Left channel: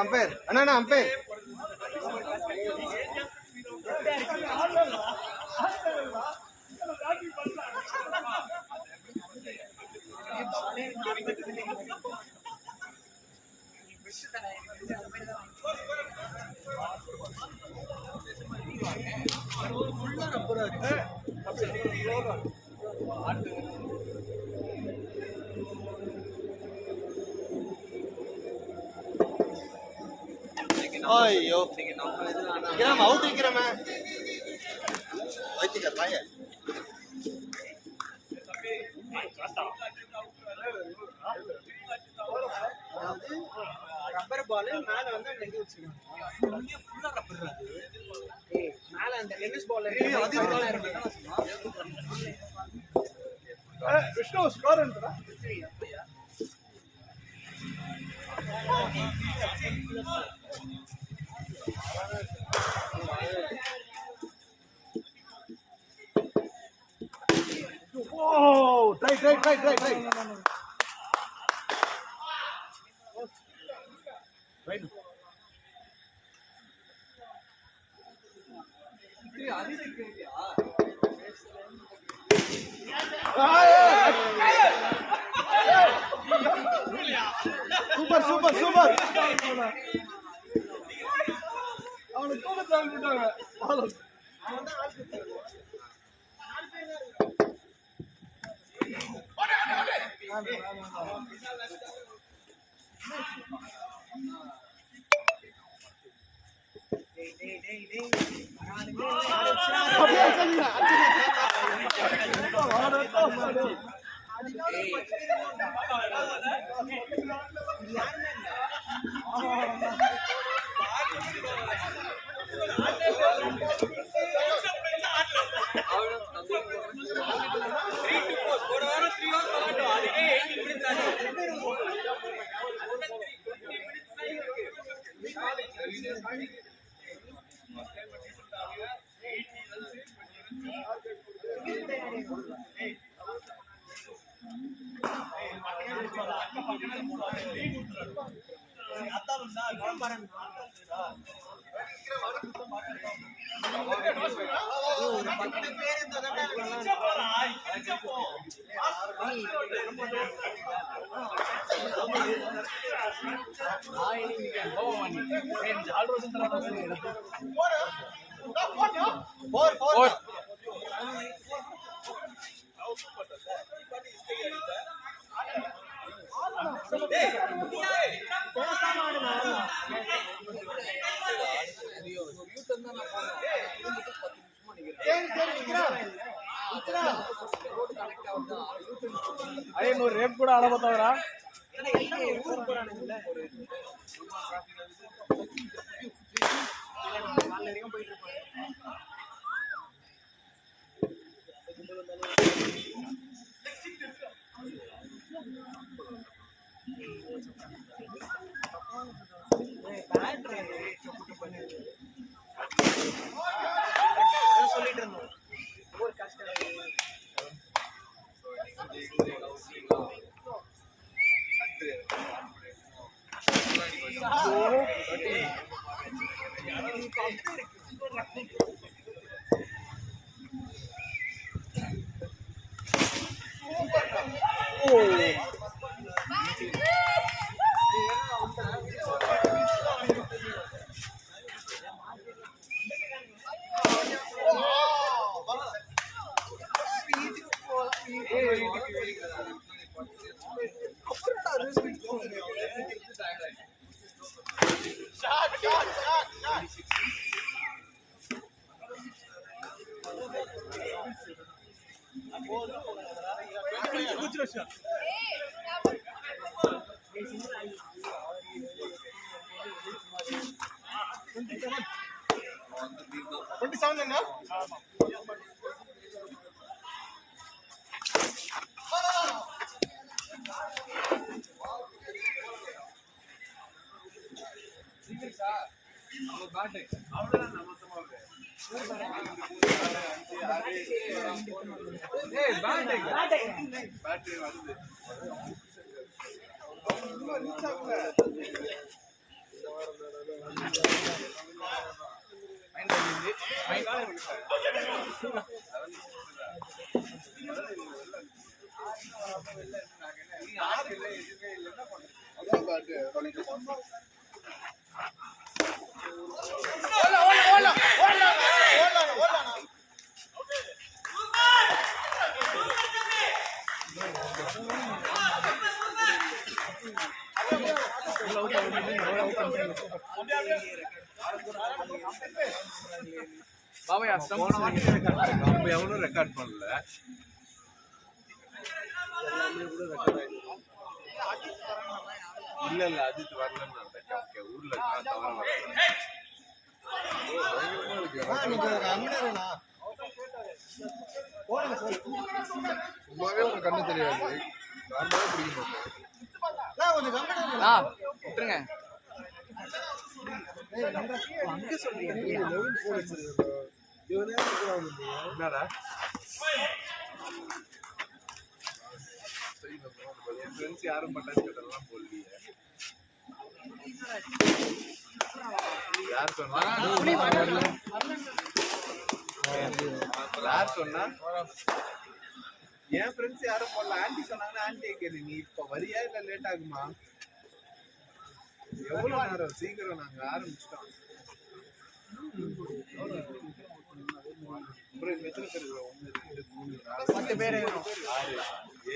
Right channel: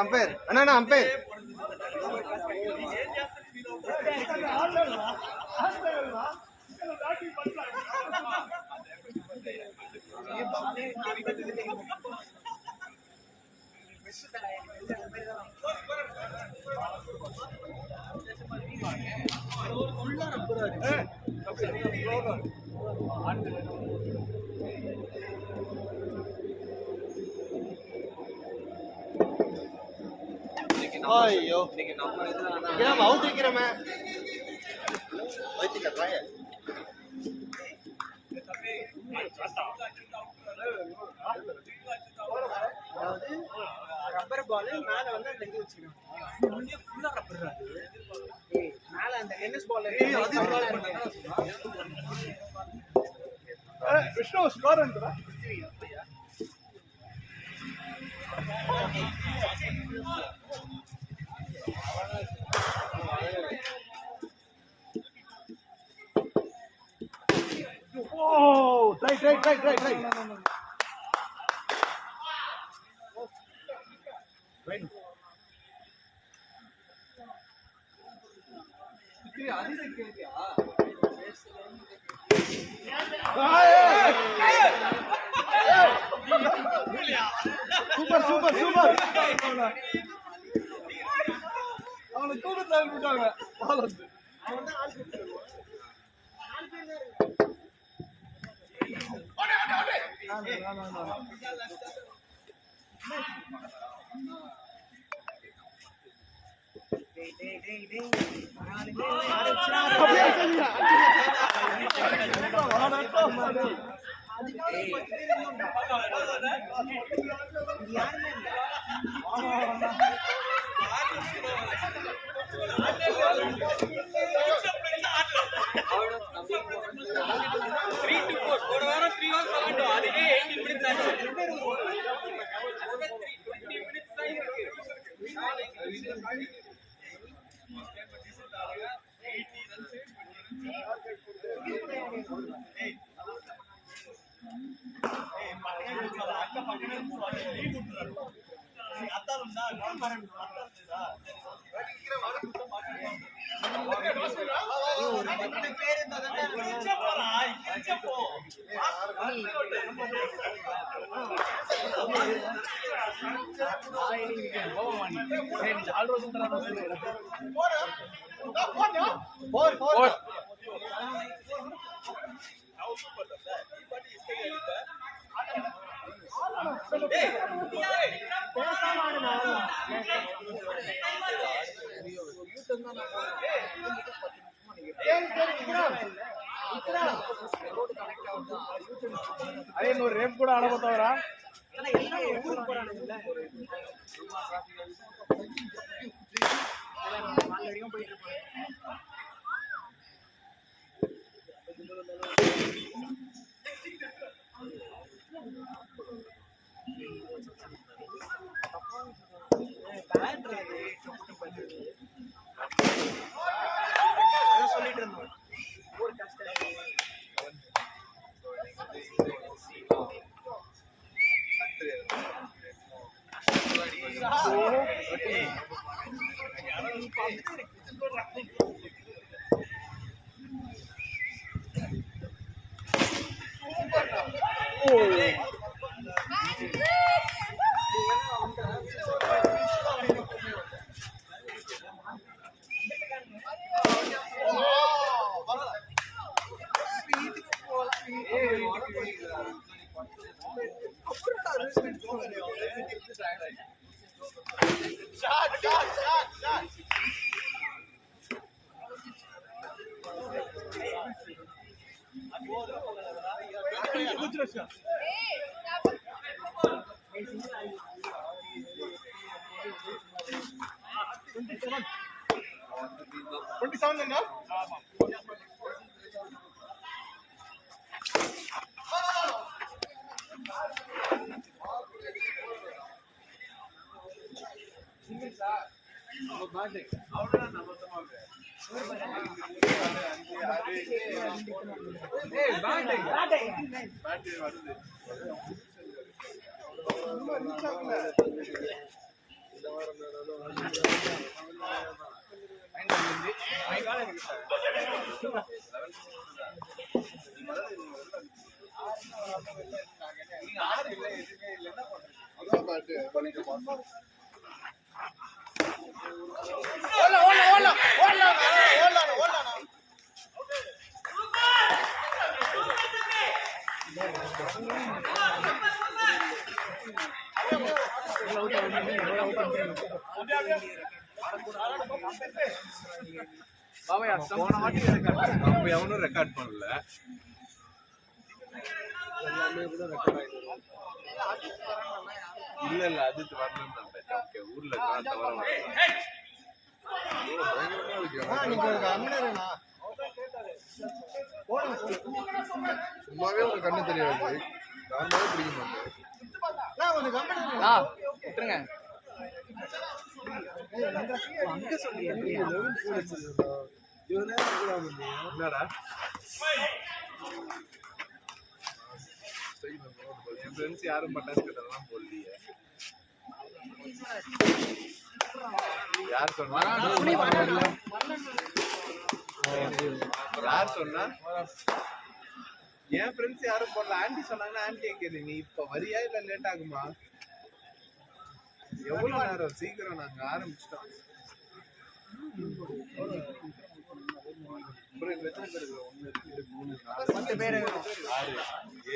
Umpire அண்ணா umpire ஐயோ நம்ம out வைக்கிறோமே அதாவது ரப்பர் பால் மேல வந்து அந்த இது வச்சிருக்காங்க ஃபுல்லா ரப்பர் மேல அந்த டென்னிஸ் பால் விஷ்ணு ஸ்கோர் என்றா Oh, try. Super. அவனுக்கு கூட டைம் விட்டாங்க. அவன் தான் ஆள் கொடுத்தாரு. 4 பேர் தான் இருக்காங்க. రేపు కూడా ఆడబోతావరా சொல்லிட்டு இருந்தோம் ஒரு கஷ்டம் 27 என்ன நம்ம எவனும் ரெக்கார்ட் பண்ணல. இல்ல அது வரலன்னு நினைச்சேன். ஊர்ல தவற சும்மாவே ஒரு கண்ணு தெரியாது பிடிக்கணும் அங்க சொல்றியா என்னடா என் ஃப்ரெண்ட்ஸ் யாரும் பட்டாசு கட்டலாம் போடலையே. யார் சொன்னா யார் சொன்னா என் ஃப்ரெண்ட்ஸ் யாரும் போடல. ஆண்டி சொன்னாங்கன்னா ஆண்டியை கேளு. நீ இப்ப வரியா இல்ல லேட் ஆகுமா? எவ்வளவு நேரம்? சீக்கிரம் நாங்க ஆரம்பிச்சிட்டோம். எத்தனை பேர்? 1 2 3 4 10 பேர் 6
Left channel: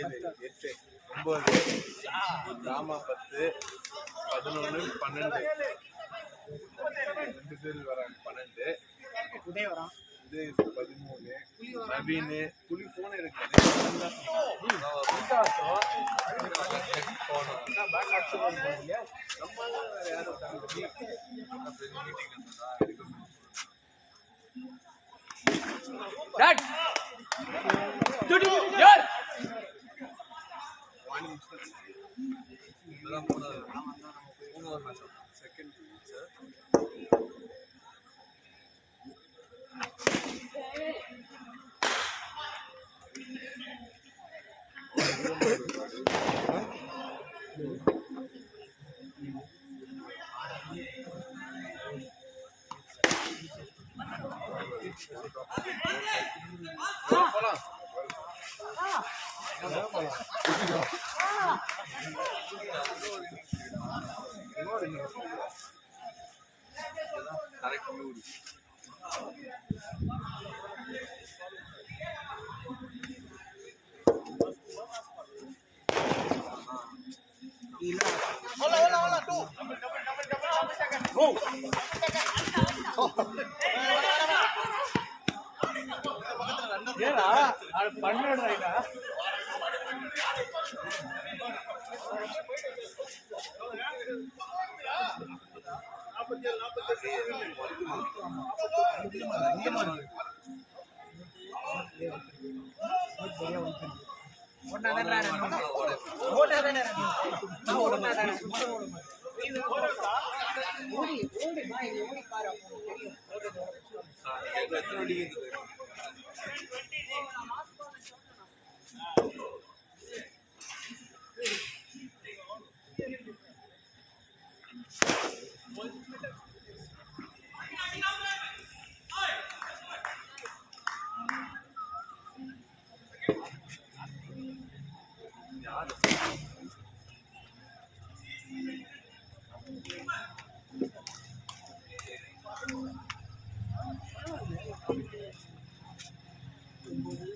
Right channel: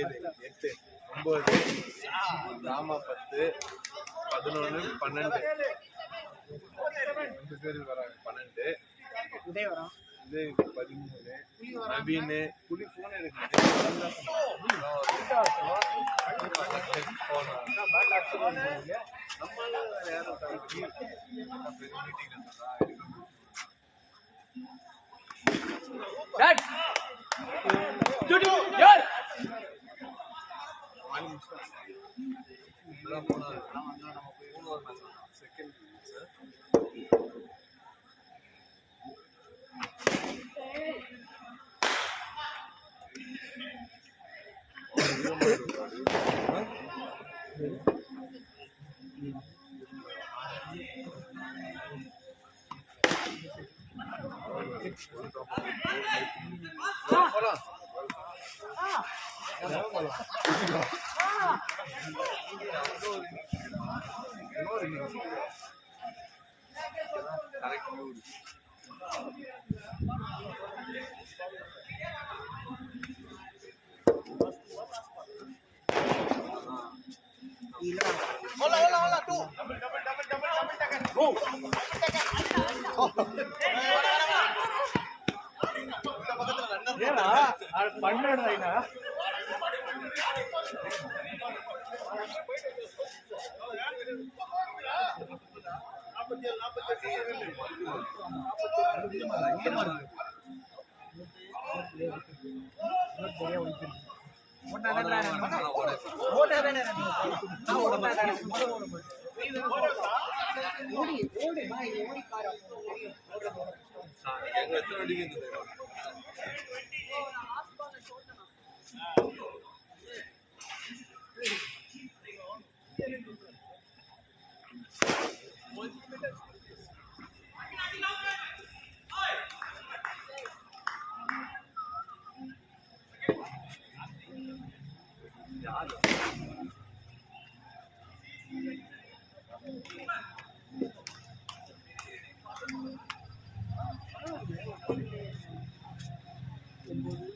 7 8 9 ராமா 10 11 12 2 பேர் வராங்க. 12 உதய வரான். இது 13 நவீன் புலி போன் எடுக்க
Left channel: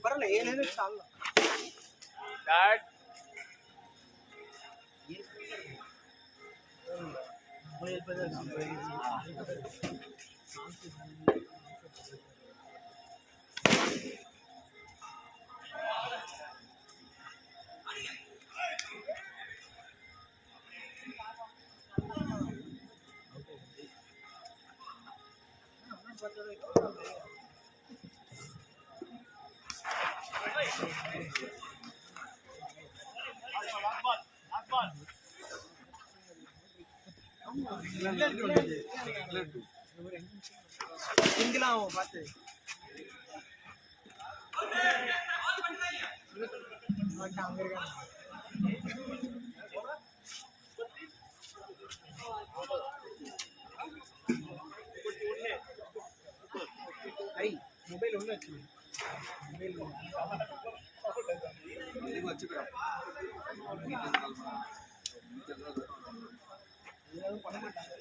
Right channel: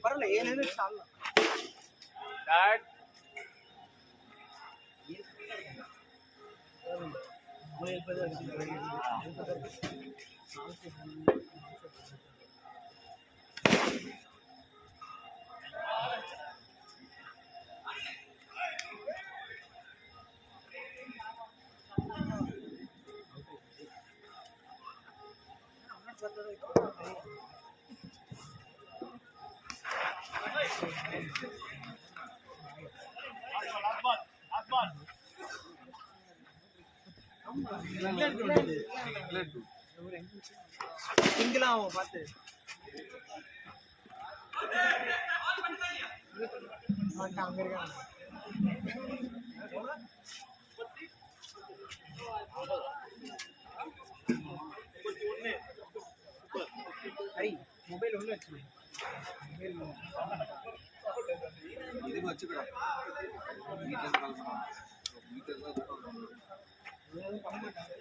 பரவாயில்ல 7 நிமிஷம் ஆகலாம். சிங்கிளா அவன் பார்த்து அங்க இருக்கான். ஹரி மொபைல் ஒண்ணு வச்சு மொபைல் இதுக்கு வச்சுக்கடா வீட்டுல கால் பண்ணா எதுவும் பண்ண மாட்டாங்க.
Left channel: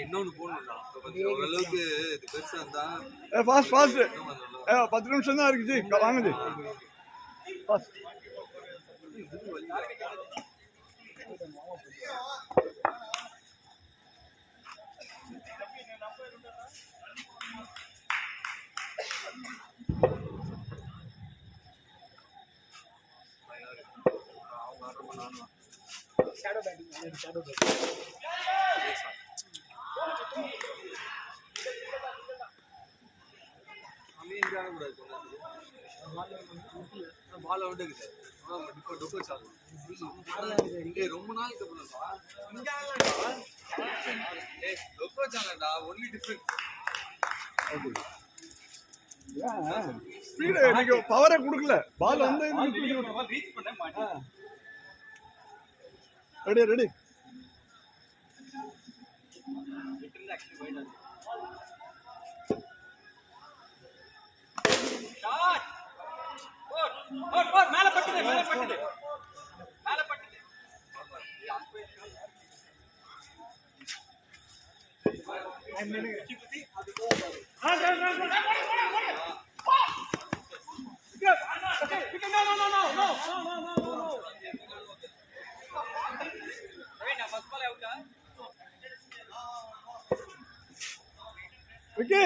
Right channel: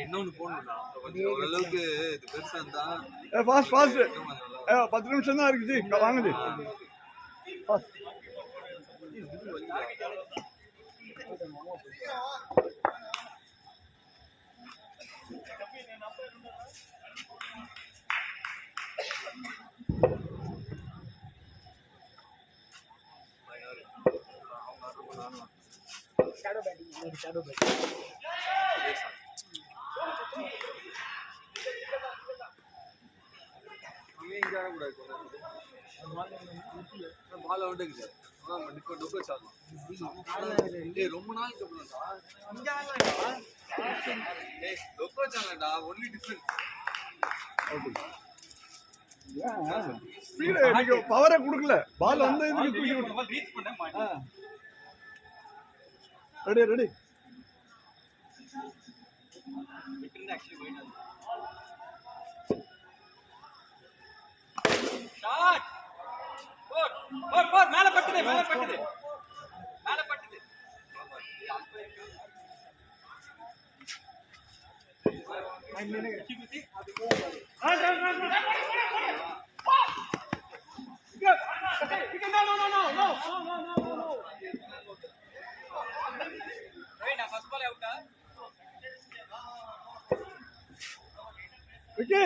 இன்னொன்னு போடணும்டா ஓரளவுக்கு இது பெருசா இருந்தா ஃபாஸ்ட் ஃபாஸ்ட் 10 நிமிஷம் தான் இருக்குது வாங்குது ஃபாஸ்ட் அவங்க ஆர்டர் பண்ணானு ஷேடோ பேட்டிங் ஷேடோ பேட்டிங் இங்க ஆடக்கூடாது பால் வந்துக்குது டிஃபர் சாப்பிடலாம் ரொம்ப நாளைக்கு அப்புறம்டா டொக்கோ சாலடா ஒன்லி டிஃபரெண்ட் நீங்க பவரை கொடுக்கல பால் வந்த இதுக்கு ரீச் பண்ண மாட்டேன் ரெடி ரெடி ஆக்சுவலி போயிட்டு மேல பட்டுது மேல பட்டுது மேல பட்டுது விக்கி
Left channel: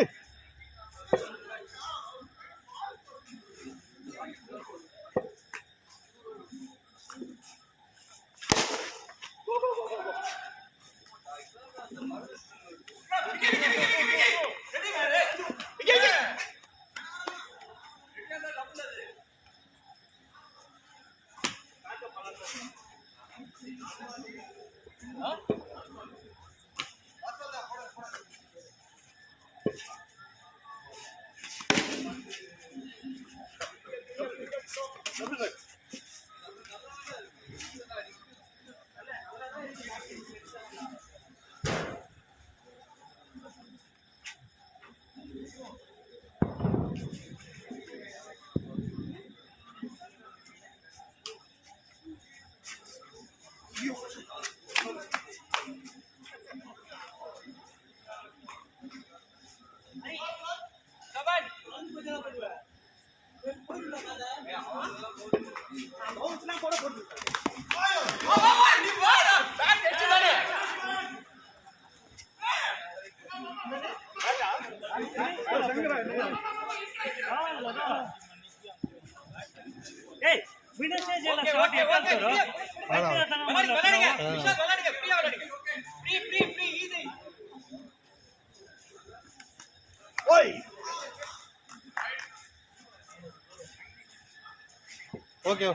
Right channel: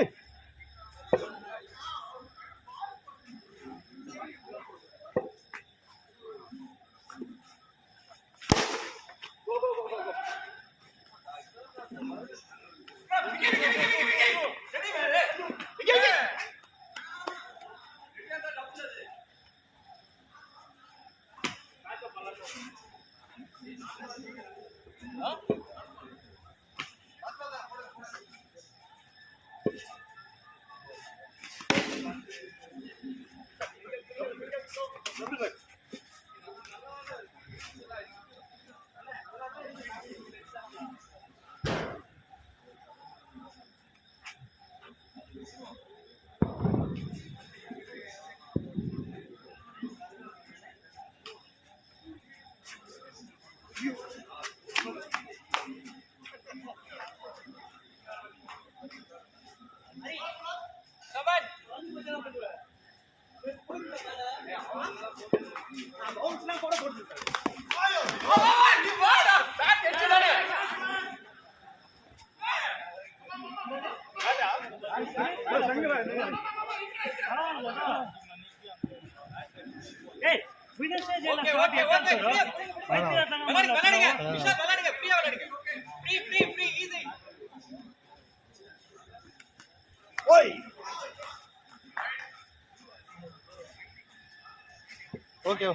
ஓகே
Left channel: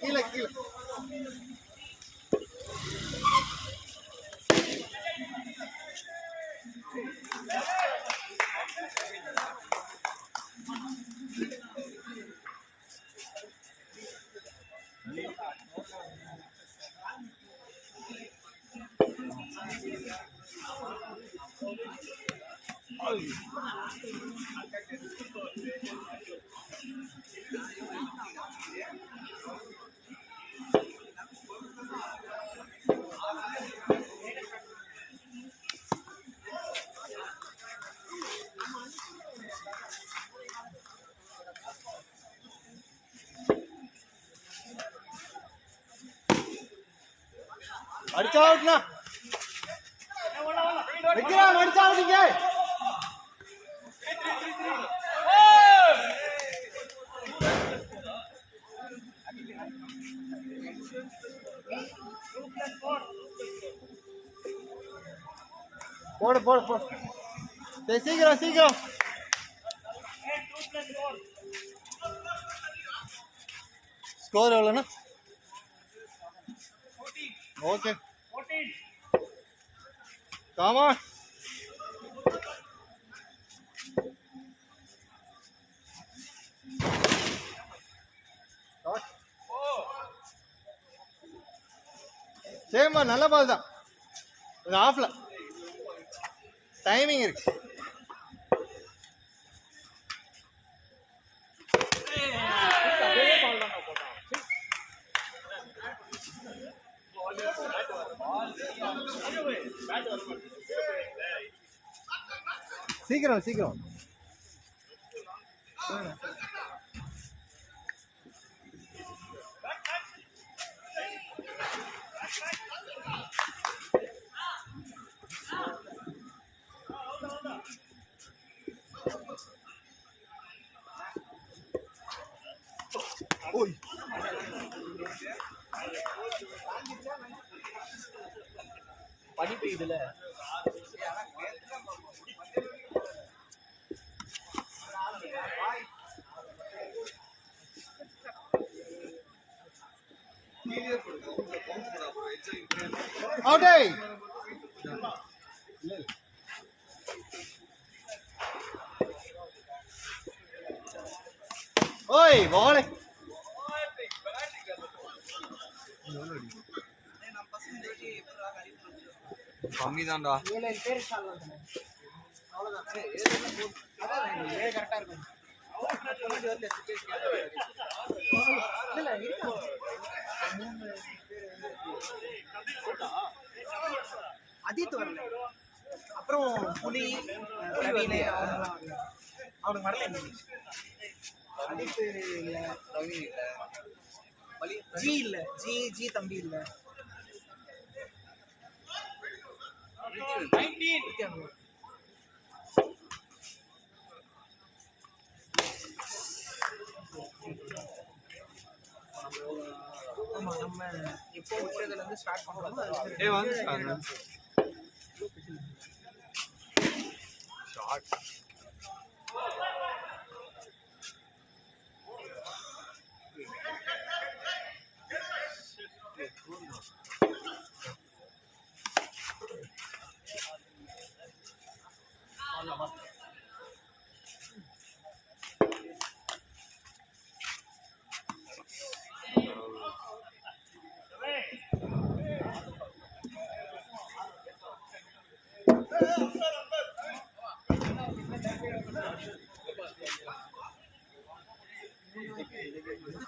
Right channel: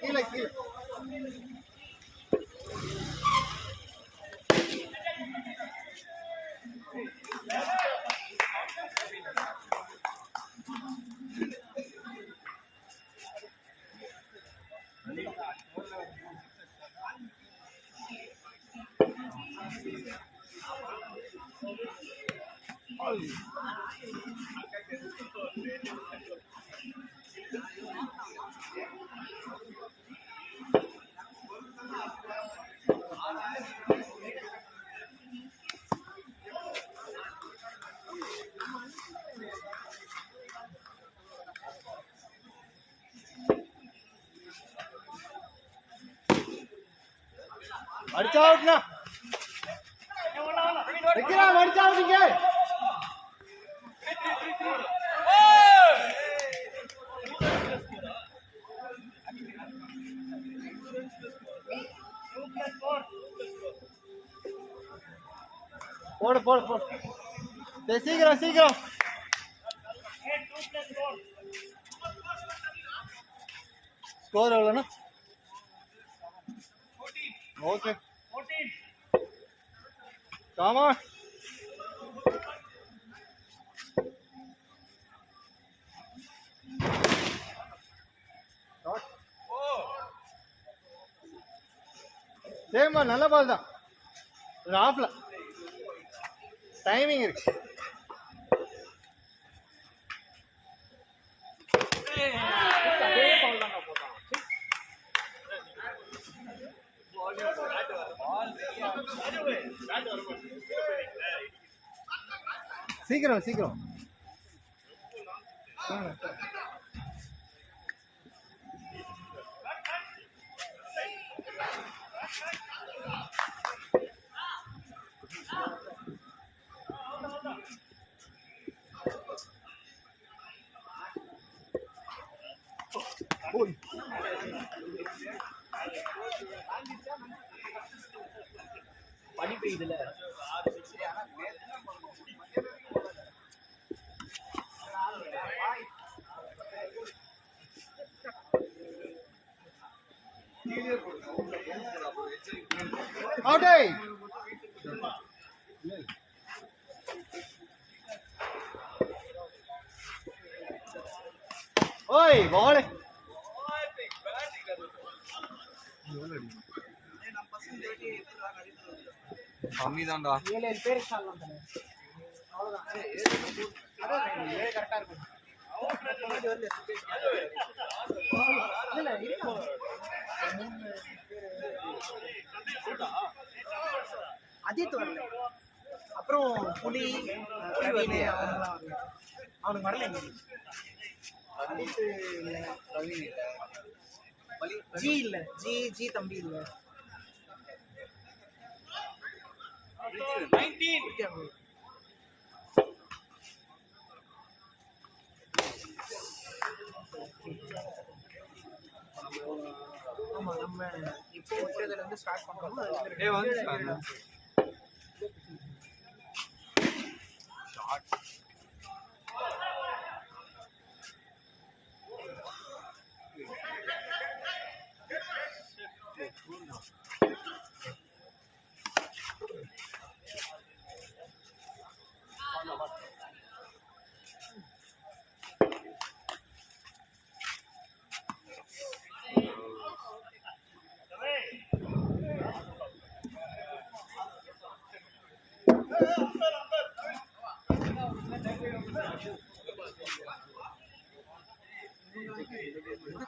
கீழே கீழே அடிச்சா அவுட்னா வைக்கிறா அடிச்சா அவுட் இங்க போடு போடு போடு. சரி, சீக்கிரம் சீக்கிரம். ஸ்கோர் எவ்வளோண்ணா? ஓகே. காமா சரிம்மா, நல்ல பால் தான். இது ஆஃப்ல டைமிங் இருக்கு. சீக்கிரம் சீக்கிரம். பனி பெய்யுதுல. அவுட். ஓய் பால். கம்மி தான்டா. 7 பேர் சால்வ் தானே. அவ்வளவுதான். அதான் 7 கரெக்டா இருக்கும். முன்னாடி வரல இல்ல இருக்காங்க. 3 பேர் அதித் வரல. அப்புறம் புலி வரலையா? அவனுக்கு வரல. இன்னைக்கு அதித் இல்ல, ரவி இல்ல, ஜி இல்ல, ஜி தம்பி இல்ல. ஆமா, நம்ம இப்போ விட்டதுல இருந்து ஸ்டார்ட் பண்றோமோ ஏய் வந்து ஷாட்.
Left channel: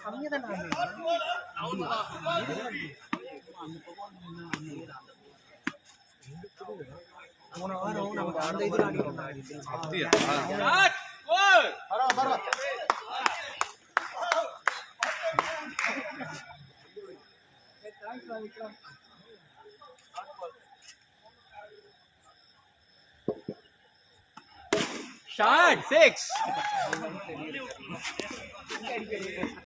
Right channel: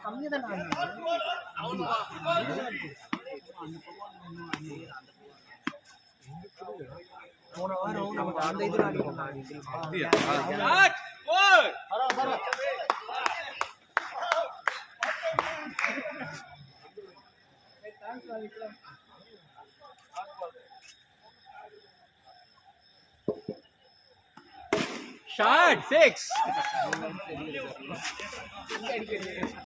கம்மியா தான் போன வாரம் நமக்கு அந்த இதுல அடிக்கிறாங்க. அப்படியா? Shot 6.